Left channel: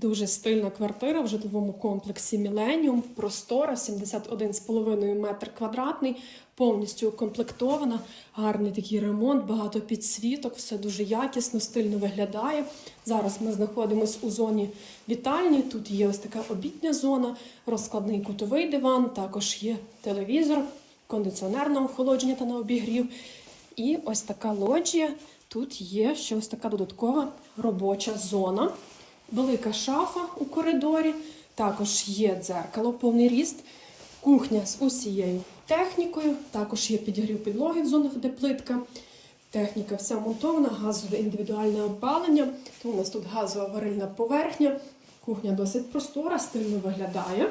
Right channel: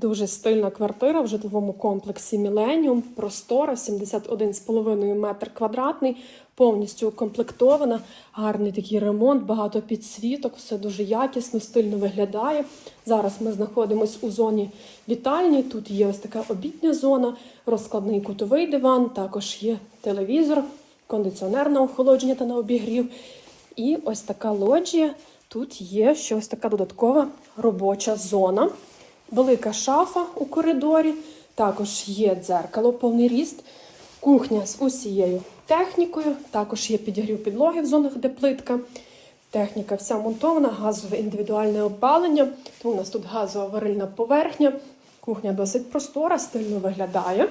Дуже стильна квартира в житловому комплексі Міленіум. Простора, 71,5 метр квадратний, повністю укомплектована. Гарний такий ремонт, багато підсвіток, все дуже якісно, стильно виглядає. Зараз ми знаходимося у зоні вітальні. Тут є ось така обідня зона, розкладний кутовий диван, також є телевізор, кондиціонер на охолодження та на обігрів. І ось така лоджія. Тут є ще ось така додаткова робоча зона. Велика шафа у коридорі, також є дзеркало, повний ріст, кухня з усією технікою, також є підігрів підлоги в зонах, де плитка. Техніка вся монтована, газове індивідуальне опалення. Тому у нас тут газова варильна поверхня. Кухня досить простора, стильно виглядає.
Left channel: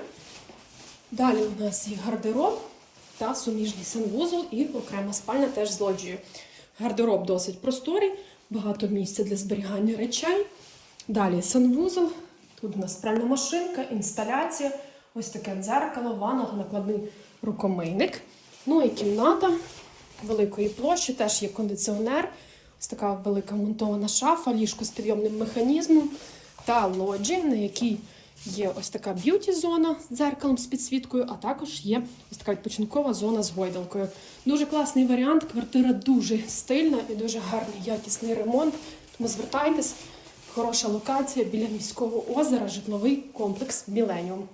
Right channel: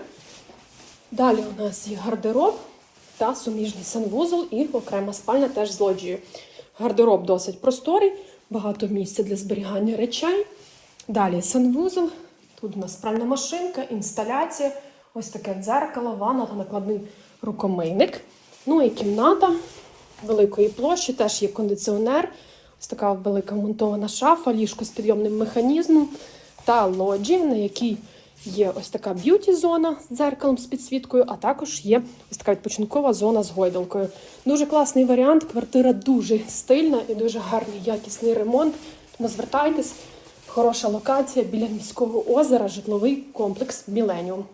Далі у нас є гардероб та суміжний санвузол і окрема спальня теж з лоджією. Гардероб досить просторий, багато місця для зберігання речей. Далі санвузол. Тут у нас пральна машинка, інсталяція, ось таке дзеркало, ванна накладний рукомийник. Ну і кімната великої площі, теж є кондиціонер. Ось така велика монтована шафа, ліжко з підйомним механізмом та лоджі, на якій є ось така б'юті-зона з дзеркалом з підсвіткою, а також є ось така відпочинкова зона з гойдалкою. Дуже класний варіант. Квартира дуже стильна і дуже гарний якісний ремонт. Тому звертайтесь. Хороша локація біля міського озера, житловий комплекс Міленіум.